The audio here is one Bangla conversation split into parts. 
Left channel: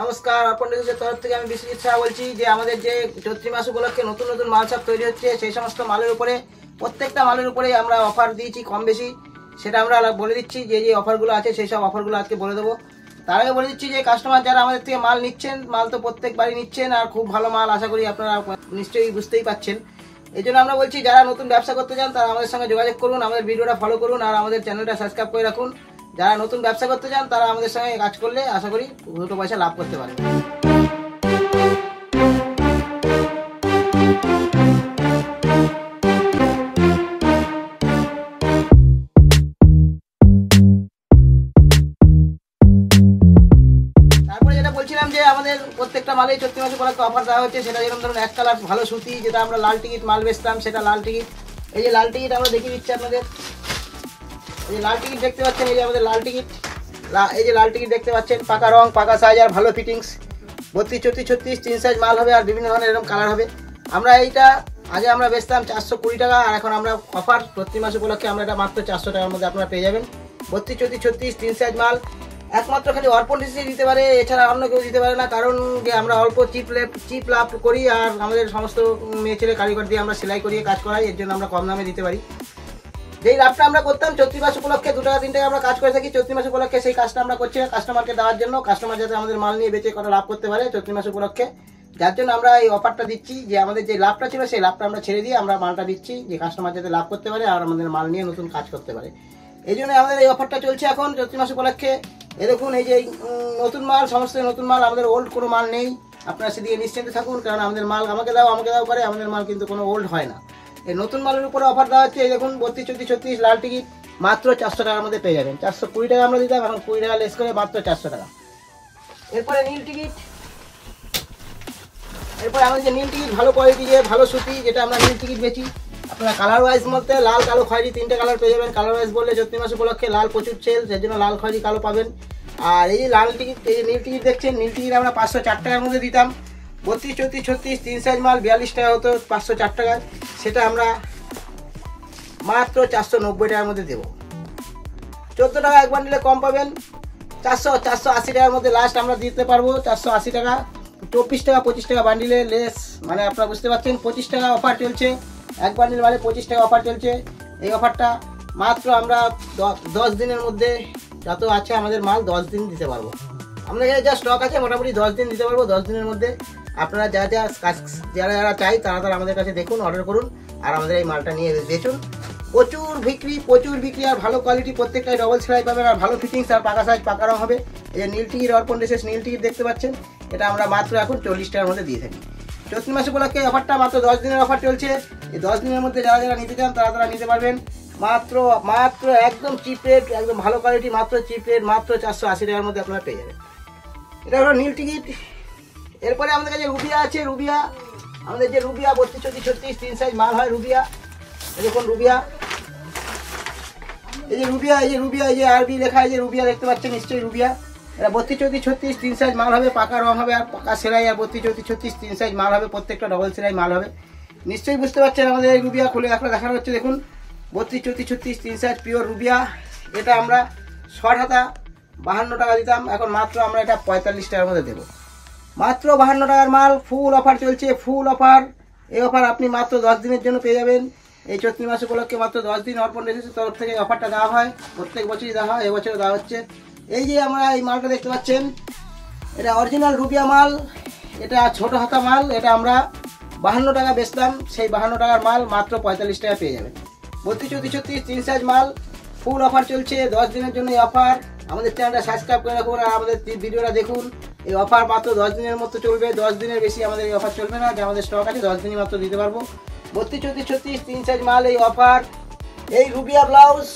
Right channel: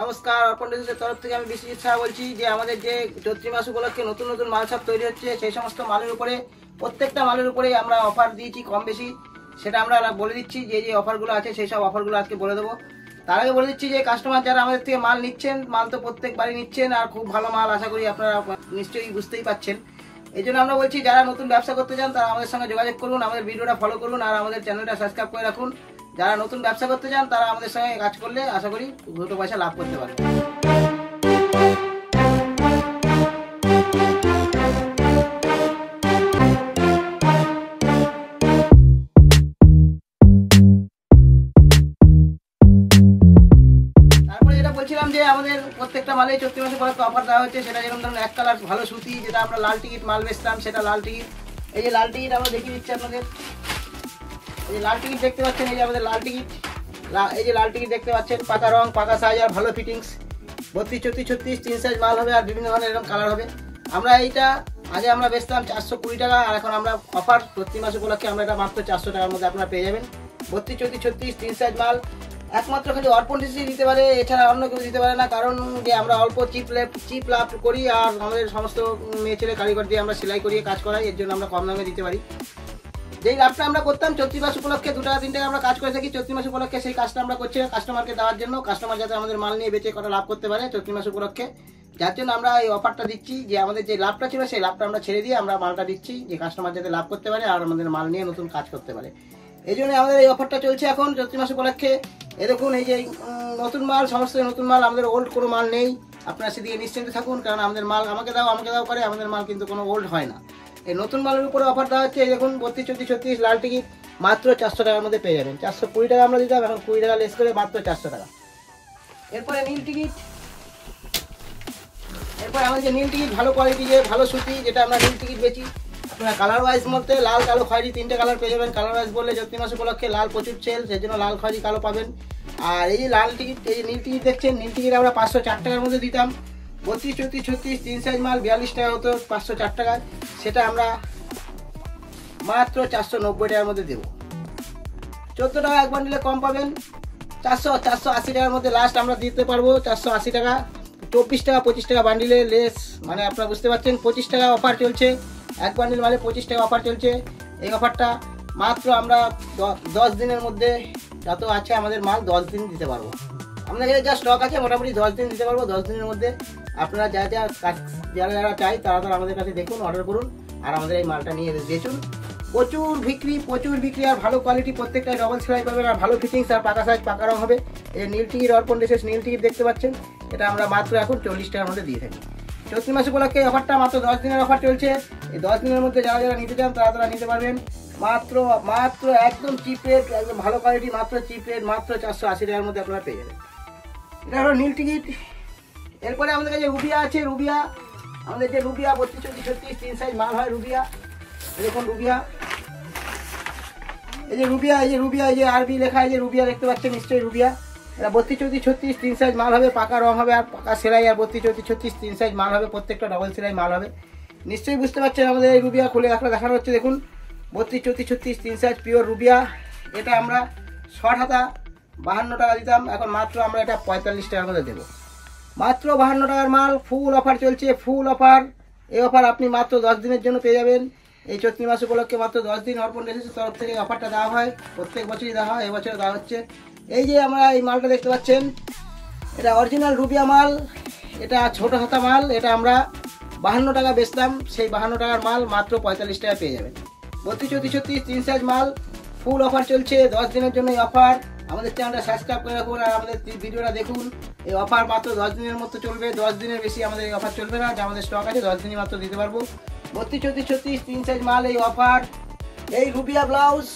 নমস্কার, অর্পণ রিসোর্সের তরফ থেকে আমি বিশ্বজিৎ শাহ বলছি যে আমাদের যে চৈত্রী মাস উপলক্ষে নতুন নতুন মাল সব তৈরি হচ্ছে, সেই সমস্ত মালের উপরে প্রত্যেকটা মালের উপরে আমরা অফার দিয়েছি কম বেশি। সেটা আমরা বলে দিচ্ছি যে যে অফারগুলো আছে সেই সব অফারগুলো আজকে বলে দেবো। তার আগে বলে দিচ্ছি যে কাস্টমার যারা আমাদের থেকে মাল নিচ্ছেন, মাল তো প্রত্যেকবারই নিচ্ছেন আর খুব ভালো মাল, আশা করি আপনারা নিশ্চয়ই বুঝতেই পাচ্ছেন। এই জন্য আমরা বলছি যারা নতুন ব্যবসা করতে চান তারা আমাদের সঙ্গে যোগাযোগ করুন, আমাদের ভিডিওটা ফলো করুন আর আমাদের চ্যানেলটা সাবস্ক্রাইব করে রাখুন। যারা নতুন ব্যবসা করতে চান তারা আমাদের সঙ্গে কাজ করলে আশা করি দুটো পয়সা লাভ করতে পারবেন। তারপরে যেটা বলছিলাম যে আমাদের প্রত্যেকটা মালে চৈত্র মাসে উপলক্ষে অফার দেওয়া হচ্ছে। সেটা যেরকম ধরুন এক কালার ভালো সুতি, যেটা আমরা লাল টিকিট মাল বেচতাম, সেটা লাল টিকিট। এই যে লাল টিকিট আমরা দেখিয়ে দিচ্ছি আপনাদের। এই যে লাল টিকিট দেখতে পাচ্ছেন, এই যে আমাদের লাল টিকিট, এই যে লাল টিকিট দেখতে পাচ্ছেন, পাকা রং, পাকা সাইজ আর ভালো ফিটিংস, 32, 34, 36 3 সাইজ মাল হবে আর বিভিন্ন ধরনের এরকম কালার হবে। আমরা এইটা আগে আমরা বেচতাম 420 টাকা, আর এখন আমরা অফার প্রতি মাস উপলক্ষে আমরা এটা মাত্র 400 টাকার মধ্যে আপনারা পেয়ে যাবেন। 32, 34, 36 3 সাইজ মাল একমাত্র খালি অর্পণ রিসোর্স দিতে পারে, এছাড়া অন্য কেউ দিতে পারে না। কারণ যে আমরা অল্প চিপ লাভ করি আর আমাদের সমস্ত মেয়ে ছেলে কারিগর দিয়ে আমরা সেলাই করিয়ে কাজ করাই, এর জন্য আমরা কম দামে দিতে পারি। যেই লাভটা আমরা করতাম চৈত্র মাস উপলক্ষে 2 টাকা 3 টাকা আমরা কাজ করে থাকি, চৈত্র মাস উপলক্ষে সেই কাজটা আমরা করছি কাস্টমারকে দেওয়ার জন্য, কাস্টমার যাতে আমাদের মাল নিয়ে বেঁচে কটা লাভ করতে পারে চৈত্র মাস উপলক্ষে। যার জন্য আমরা এই অফারটা দিচ্ছি যে আমাদের যে লাভটা ছিল সেই লাভটা আমরা ছেড়ে দিয়ে আমরা মালটা দিচ্ছি যে কাস্টমার যাতে লাভ করতে পারে আর আমাদের মাল নিয়ে নতুন কাজ করতে পারে। এই জন্য আমাদের এই অফারটা চলছে এখন চৈত্র মাস উপলক্ষে। এই দেখুন, এই যে নতুন মাল, সমস্ত নতুন মাল, আমাদের ওল্ড কোনো মাল নেই। আপনারা সেদিকে নিশ্চিন্তে থাকুন, কারণ আমাদের মাল আমাকে দাও করে, আমাদের মাল কিন্তু কোনো ওল্ড হয় না। এই নতুন মালের উপরে অফার দেওয়া হচ্ছে। এই দেখুন 32, 34, 36 লাল টিকিট মাত্র 400 টাকার মধ্যে পেয়ে যাবেন। 420 টাকা আমরা দিতাম, এখন 20 টাকা লেস করে মাত্র 400 টাকা। এরপরে নীল টিকিট, এরপরে আমাদের যে নীল টিকিট ভালো কোয়ালিটি, যে ভালো সুতি, যেটা আমরা নীল টিকিট বেচি। আপনারা কালার ওয়াইজ বলতে লাল, কালো, খয়েরি 3টে কালার পেয়ে যাবেন। কালার ওয়াইজ বললে চৈত্র মাস উপলক্ষে লাল প্রচুর সেল, সেই জন্য লাল, খয়েরি, কালো পাবেন। আর এই যে লাল টিকিট, এই যে নীল টিকিট দেখছেন, নীল টিকিট আমরা 504 টাকার মধ্যে দিতাম। 32, 34, 36 3 সাইজ মাল 42 টাকা হতো 504 টাকায়, সেটা আমরা মাত্র 490 টাকার মধ্যে দেবো। 14 টাকা এক বান্ডিলে কম পাবেন। 480 টাকার মধ্যে লাস্ট আমরা দিতে পারবো। 480 টাকা, 24 টাকা 25 টাকা বান্ডিলে লেস, মানে আপনারা বুঝতে পারছেন 25 টাকা অফার চলছে। এক বান্ডিল মানে 25 টাকা অফার চলছে। এই অফারটা মাত্র আমরা 10 দিনের মধ্যে, যত আছে আমাদের মাল 10 দিন দিতে পারবো। আমাদের যা স্টক আছে মোটামুটি 10 দিন দিতে পারবো। 10 দিনের মধ্যে আপনারা যারা চাই তারা আমাদের কাছে দেখুন, অর্ডার করুন আর আমাদের এই মালটা নিয়ে বেচুন। প্রচুর বিক্রি আর ভালো কোয়ালিটি, প্রত্যেকটাই ডবল সেলাই পাবেন আর ভালো ফিটিংস আর পাকা সাইজ, পাকা রং হবে। এই যে নীল টিকিট, অর্পণ রিসোর্স নীল টিকিট দেখতে পাচ্ছেন, এটা আমরা মাত্র এখন 40 টাকার মধ্যে দিয়ে থাকি। চৈত্র মাস উপলক্ষে অফারটা মাত্র 10 দিনের অফার চলছে। এই 10 দিনের মধ্যে যারা নিতে চান তারা নিতে পারবেন। মাত্র একদম চিপ রেট, একদম ভালো কোয়ালিটি, মাত্র চিপ রেট, মাত্র 480 টাকার মধ্যে আপনারা পেয়ে যাবেন। এটা হলো নীল টিকিট। এরপরে আমাদের কাছে রুবিয়া আছে। রুবিয়া, আমাদের যে রুবিয়া 32, 34, 36 3 সাইজ মাল হয় রুবিয়া। দেখুন রুবিয়া, এই যে রুবিয়া, এই যে আরবি লেখা, এই যে রুবিয়া দেখতে পাচ্ছেন নিশ্চয়ই রুবিয়া। এটা 32, 34, 36 3 সাইজ মাল হবে, পাকা রং হবে আর পাকা সেলাই, আর 32, 34, 36 3 সাইজ মাল হবে, প্রত্যেকটা ডবল সেলাই মাল হবে। নিশ্চয়ই বুঝতে পারছেন আমাদের এই রুবিয়া খুলে আপনারা দেখানো হচ্ছে। দেখুন 32, 34, 36 3 সাইজ পিওর রুবিয়া। এটা আমরা শর্ট হাতা 52 টাকা দিতাম, এখন মাত্র আমরা এটা 45 টাকার মধ্যে দেবো। মাত্র 52 টাকার মাল, ফুল অফার চলছে, ফুল অফার। এই অফার আপনি মাত্র 10 দিনের জন্য পেয়ে যাবেন। এই চৈত্র মাস উপলক্ষে মাত্র 10 দিন অর্পণ রিসোর্সের তরফ থেকে অফারটা দেওয়া হয়, প্রত্যেক বছরই দেওয়া হয়, এবছরে দেওয়া হচ্ছে। এই যে আমরা এই মালটা দেখতে পাচ্ছেন, এটা অরিজিনাল রুবিয়া মাল, এটা ছোট হাতা মাল। এটা আমরা 52 টাকা বেচতাম, সেই 52 টাকার মাল মাত্র 45 টাকা পেয়ে যাবেন। 32, 34, 36 3 সাইজ মাল, ফুল অফার চলছে 10 দিনের জন্য এই অফার। আমাদের চ্যানেলটা সাবস্ক্রাইব করে রাখুন আর আমাদের ভিডিওটা দেখুন। এই অফার মাত্র 10 দিনের মতো চলবে, 10 দিনের বেশি আমাদের এই অফার চলবে না। যে আমাদের স্টক আছে 10 দিনই মাত্র দিতে পারবো। 32, 34, 36 3 সাইজ মাল এই অফার। এই রুবিয়া ব্লাউজ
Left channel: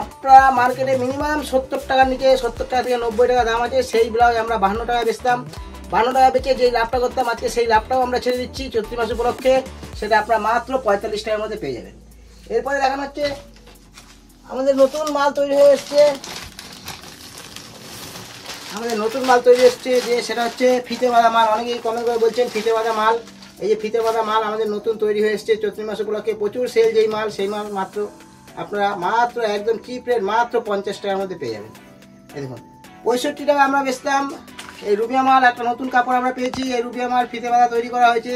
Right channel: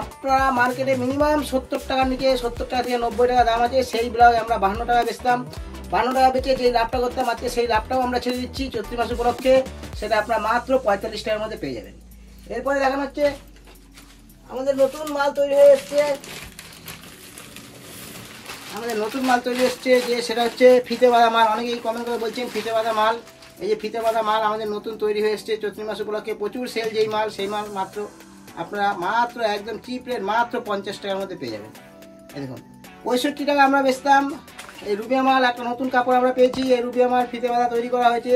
আপনারা মার্কেটে মিনিমাম 70 টাকার নিচে, 70 টাকা থেকে 90 টাকা দাম আছে। সেই ব্লাউজ আমরা 52 টাকা বেচতাম। 52 টাকা বেচে যে লাভটা করতাম আজকে সেই লাভটাও আমরা ছেড়ে দিচ্ছি চৈত্র মাস উপলক্ষে, সেটা আপনারা মাত্র 45 টাকার মধ্যে পেয়ে যাবেন। এরপরে দেখানো হচ্ছে আমাদের নতুন মাল তৈরি হয়ে এসছে। যে সেটা হচ্ছে ফিতে বাঁধা মাল। অনেকেই কমেন্ট করে বলছেন ফিতে বাঁধা মাল। এই যে ফিতে বাঁধা মাল আমাদের নতুন তৈরি হয়ে এসছে চৈত্র মাস উপলক্ষে, প্রচুর সেল। যেই মাল সেই মাল মাত্র আপনারা মাত্র একদম চিপ রেট মাত্র 50 টাকার মধ্যে পেয়ে যাবেন। এই দেখুন 65 টাকা আমরা বেচতাম, এই রুবিয়া মাল একটা নতুন কাপড় আমরা পেয়েছি। এই রুবিয়া মাল ফিতে বাঁধা তৈরি করা হয়েছে,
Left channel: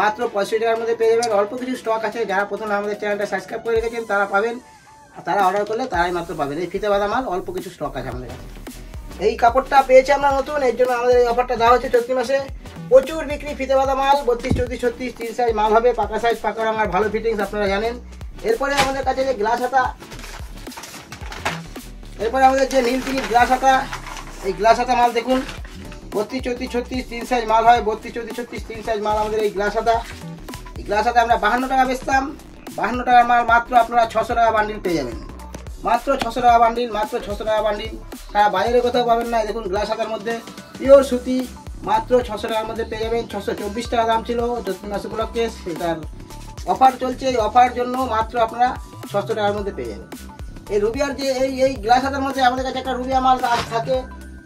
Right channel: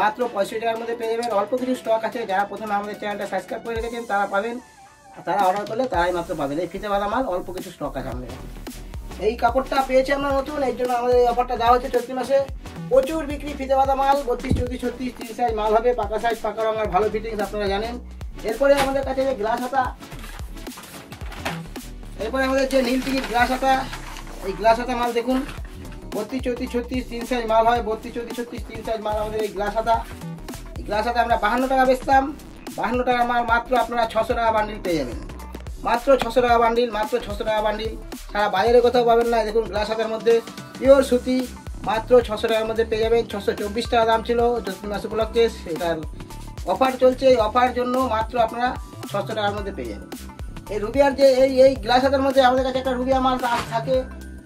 মাত্র 65 টাকার মধ্যে পেয়ে যাবেন। অল্প কিছু স্টক আছে, যারা প্রথমে আমাদের চ্যানেলটা সাবস্ক্রাইব করে রেখেছেন তারা পাবেন, তারা অর্ডার করলে তারাই মাত্র পাবেন। এই ফিতে বাঁধা মাল অল্প কিছু স্টক আছে আমাদের কাছে। এই কাপড়টা পেয়েছি আমরা নতুন, এর জন্য আমাদের এই অফারটা দেওয়া হচ্ছে চৈত্র মাসে। প্রচুর বিক্রি ফিতে বাঁধা মাল, 32, 34, 36, 3 সাইজ মাল হবে, পাকা সাইজ, পাকা রঙ আর ভালো ফিটিংস আপনারা জানেন। এরপরে আমাদের কাছে যে গ্লাস হাতা, এরপরে আমাদের যে নীল টিকিট গ্লাস হাতা, এই গ্লাস হাতা মাল দেখুন 32, 34, 36, 3 সাইজ মাল হয়, 32, 34, 36, 3 সাইজ মাল আমাদের এই গ্লাস হাতা। এই গ্লাস হাতা আমরা 52 টাকা বেচতাম, 52 টাকার মাল মাত্র আপনারা 600 টাকা বান্ডিল পেয়ে যাবেন। মাত্র 600 টাকা বান্ডিল, মাত্র 600 টাকা বান্ডিল, সারা বাজারে কোথাও পাবেন না। দেখুন গ্লাস হাতার মধ্যে পিওর সুতি, মাত্র 600 টাকার মধ্যে পেয়ে যাবেন। 624 টাকা দাম ছিল চৈত্র মাস উপলক্ষে, এটার অফার চলছে। এই অফার জন্য মাত্র আপনারা 600 টাকার মধ্যে পেয়ে যাবেন। এই রুবিয়ার যে এই গ্লাস হাতার মধ্যে আমাদের কাছে একটা রুবিয়া মাল থাকে,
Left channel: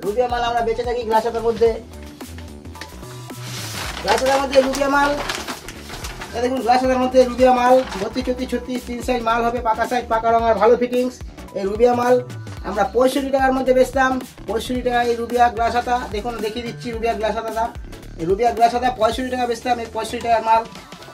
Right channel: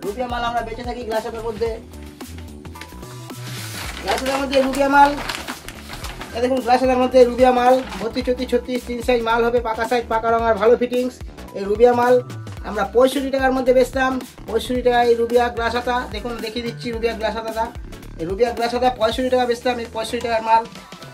রুবিয়া মাল আমরা বেঁচে থাকি গ্লাস হাতার মধ্যে। গ্লাস হাতার মধ্যে রুবিয়া মাল, দেখুন গ্লাস হাতার মধ্যে রুবিয়া মাল 32, 34, 36, 3 সাইজ মাল হবে, পাকা সাইজ, পাকা রঙ আর ভালো ফিটিংস। এই রুবিয়া মাল আমরা 65 টাকার মধ্যে বেচতাম, 65 টাকা এই রুবিয়া গ্লাস হাতা। দেখুন দেখিয়ে দিচ্ছি রুবিয়া গ্লাস হাতাটা, এই রুবিয়া গ্লাস হাতা 65 টাকা বেচতাম। এই 65 টাকার মাল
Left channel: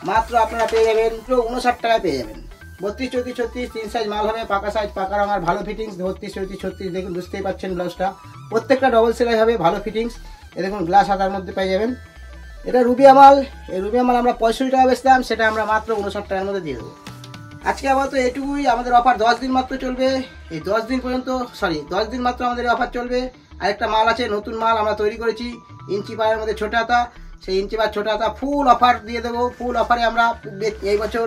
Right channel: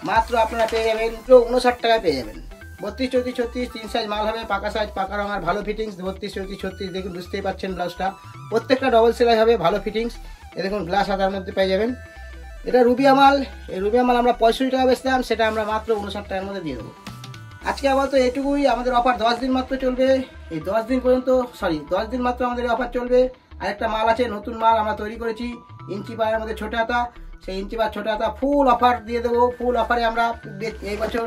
মাত্র আপনারা পেয়ে যাবেন 59 টাকায় পেয়ে যাবেন। 32, 34, 36, 3 সাইজ মাল হবে, পাকা সাইজ, পাকা রঙ আর ভালো ফিটিংস। 32, 34, 36 দেখুন বুঝতেই পারছেন ব্লাউজটা, প্রত্যেকটা ডবল সেলাই হবে, ভালো ফিটিংস। এ দেখুন গ্লাস হাতার মধ্যে পেয়ে যাবেন। এটা রুবিয়া মাল, এই রুবিয়া মাল আমরা 65 টাকা বেচতাম, সেটা আমরা মাত্র 59 টাকার মধ্যে দিয়ে দেবো। আজকে আপাতত এটুকুই, আমাদের অফার 10 দিন মাত্র চলবে। এই 10 দিন পর্যন্ত 10 দিন মাত্র আমাদের অফার চলবে। আরেকটা মাল আছে, নতুন মাল আমরা তৈরি করেছি, ইঞ্চি পায়ের মধ্যে ছোট হাতা, সেই ইঞ্চি পায়ের ছোট হাতা ফুল অফার দিয়ে দেবো। ফুল অফারে আমরা এই বছর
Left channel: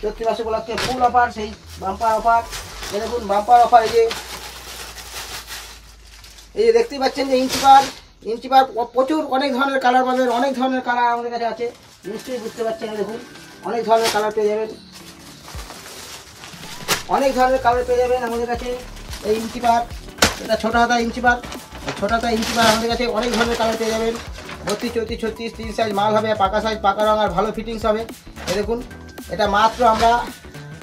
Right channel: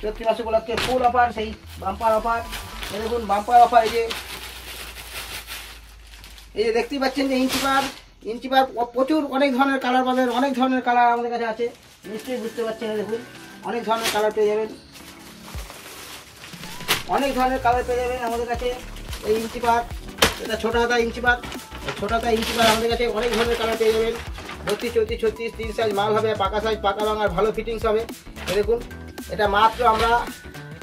চৈত্র মাস উপলক্ষে ফুল অফার, সেই বাম্পার অফার। দেখুন বাম্পার অফার, এই যে দেখতেই পাচ্ছেন যে ইঞ্চি পার প্রচুর অনেক ধরনের কালার পাবেন, অনেক ধরনের কালার আমাদের কাছে আছে, নিশ্চয়ই বুঝতে পারছেন। দেখুন অনেক ধরনের কালার পেয়ে যাবেন, অনেক ধরনের কালার পেয়ে যাবেন আমাদের কাছে। এই ইঞ্চি পার, এটা ছোট হাতা ইঞ্চি পার, ছোট হাতা ইঞ্চি পার আমাদের কাছে অনেক ধরনের কালার পেয়ে যাবেন। 32, 34, 36, 3 সাইজ মাল হবে, পাকা সাইজ, পাকা রঙ আর ভালো ফিটিংস হবে। দেখুন এটা মাত্র আমরা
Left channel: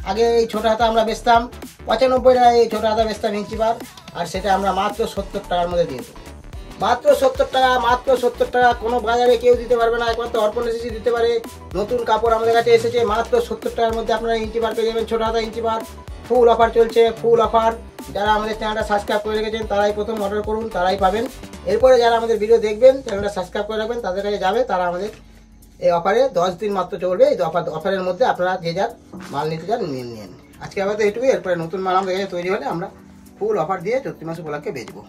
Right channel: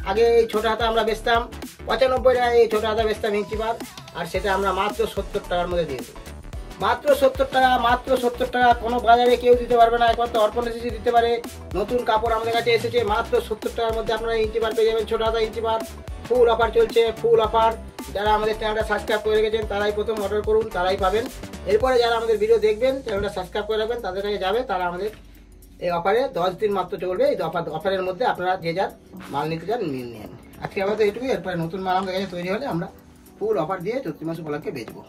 আগে এই ছোট হাতা আমরা বেচতাম 95 টাকায়, এই ছোট হাতা বেচতাম ইঞ্চি পার, আর সেটা আমরা মাত্র 70 টাকার মধ্যে দিয়ে দেবো। মাত্র 70 টাকা, মাত্র 70 টাকা। কোনো বাজারে কেউ দিতে পারবে না, একমাত্র অর্পণ এসেছি দিতে পারে। নতুন কাপড় আমাদের কাছে এসেছে, মাত্র 70 টাকার মধ্যে আপনারা ইঞ্চি পার পেয়ে যাবেন, ছোট হাতা ইঞ্চি পার। ফুল অফার চলছে, ফুল অফার। যারা আমাদের চ্যানেলটা সাবস্ক্রাইব করে রেখেছেন তারাই প্রথম অর্ডার করুন, তারাই পাবেন। এরপরে যারা আমাদের ভিডিও দেখবেন, চ্যানেলটা সাবস্ক্রাইব করে রাখবেন, তাদের কাছে যাবে, তারা আমাদের এই অফারে 10 দিন মাত্র চলবে। এই অফারের মধ্যে আপনারা যে যার মাল নিতে যান নিয়ে নিন। আজকে আমাদের এটুকুই, এরপরে নতুন মাল আমাদের কাছে তৈরি হলে আমরা ফুল অফার দিয়ে চৈত্র মাস উপলক্ষে বেচবো।